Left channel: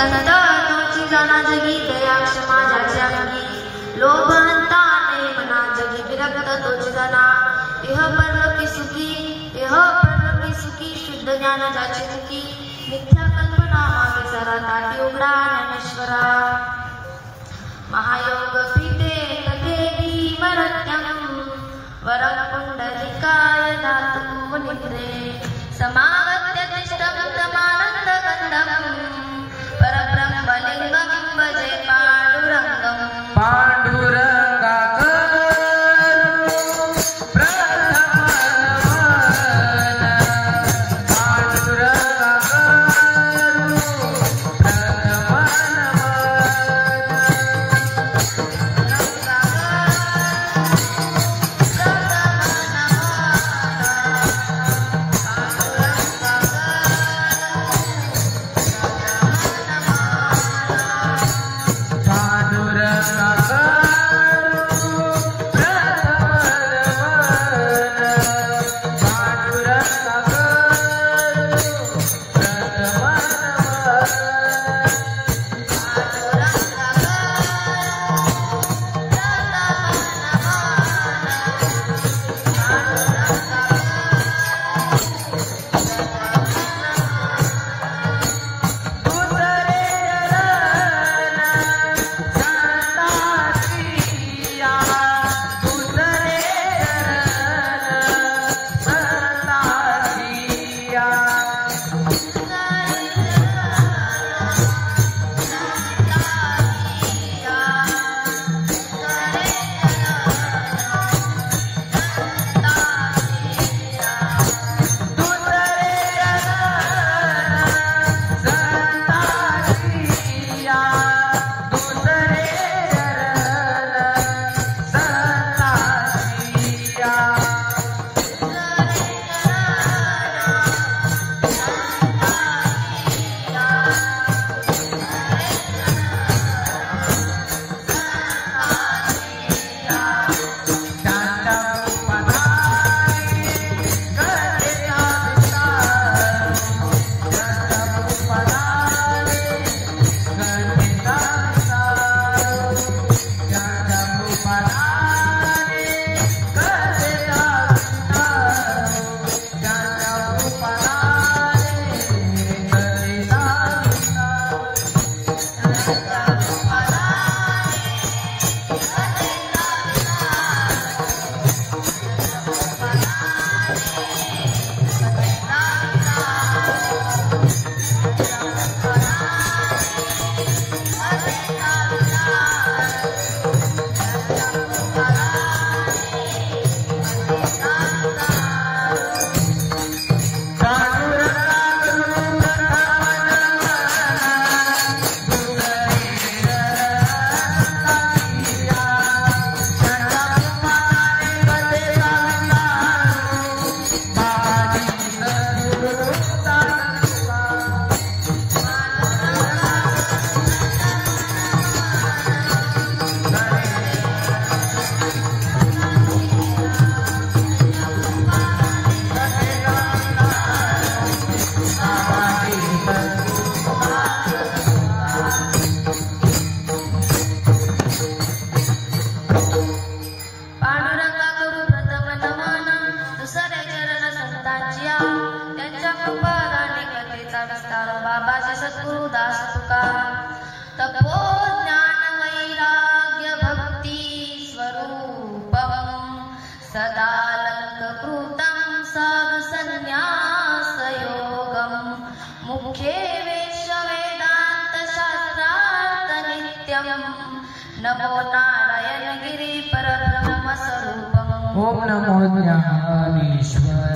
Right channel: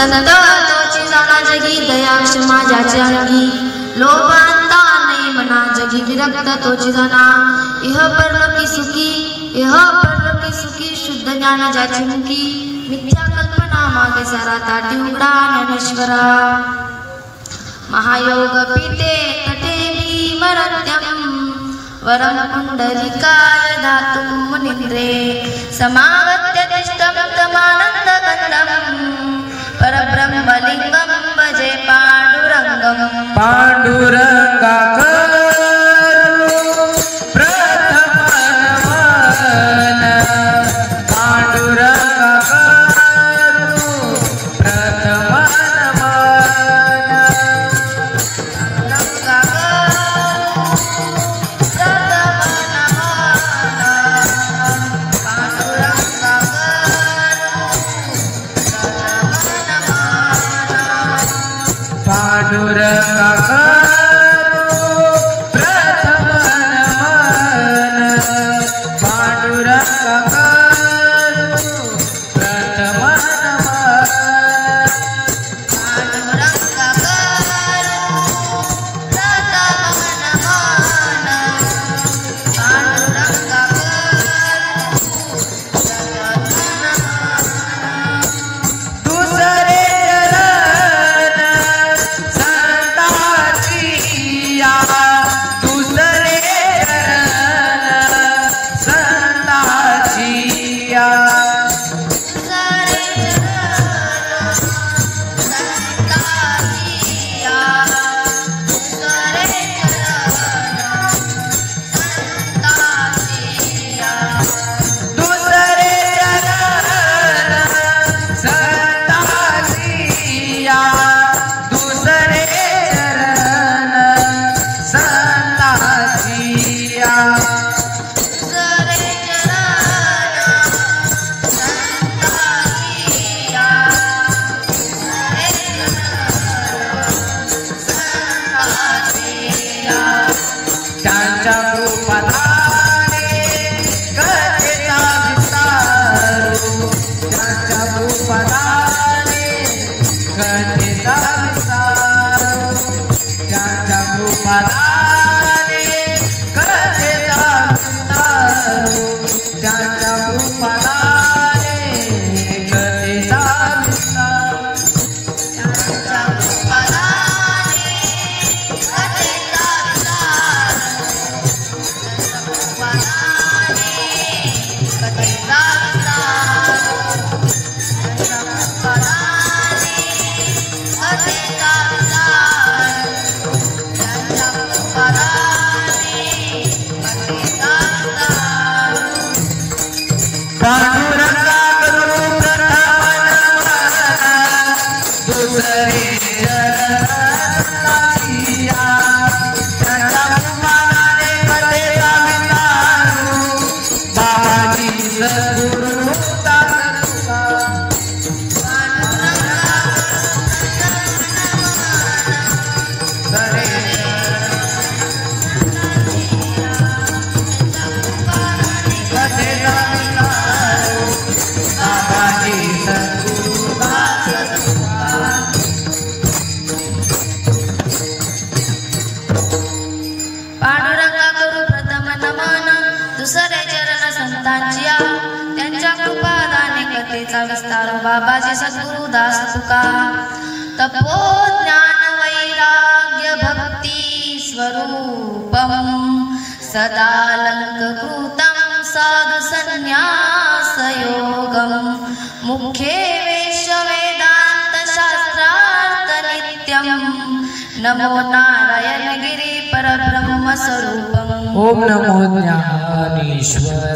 संत तोची जाणा जगी दया क्षमा ज्याचे अंगी लोभांता नाही मना जगी विरक्त तोची जाणा इह परलोकी सुखी शुद्ध ज्ञान ज्याची मुखी मिथ्या कल्पना मागे सारा ताटी उघडा ज्ञानेश्वरा महायोग पीते तटे भीमरत्यम वरम पुंडलिकाय धातुं मुनिन्द्रे समागत्य तिष्ठं तमानन्दगन्धं परब्रह्मलिङ्गं भजे पाण्डुरङ्गं बाबाजी सद्गुरुदास तुका तपो ज्ञान वैराग्य भक्ती स्वरूपम सदालंकृतं साधु संन्यास योगम मुख्ये वेश वेदांत शास्त्रार्थ नित्यम नमो नारायण गिरी परब्रह्म स्वरूपम ओम नमो ज्ञानेश्वराय।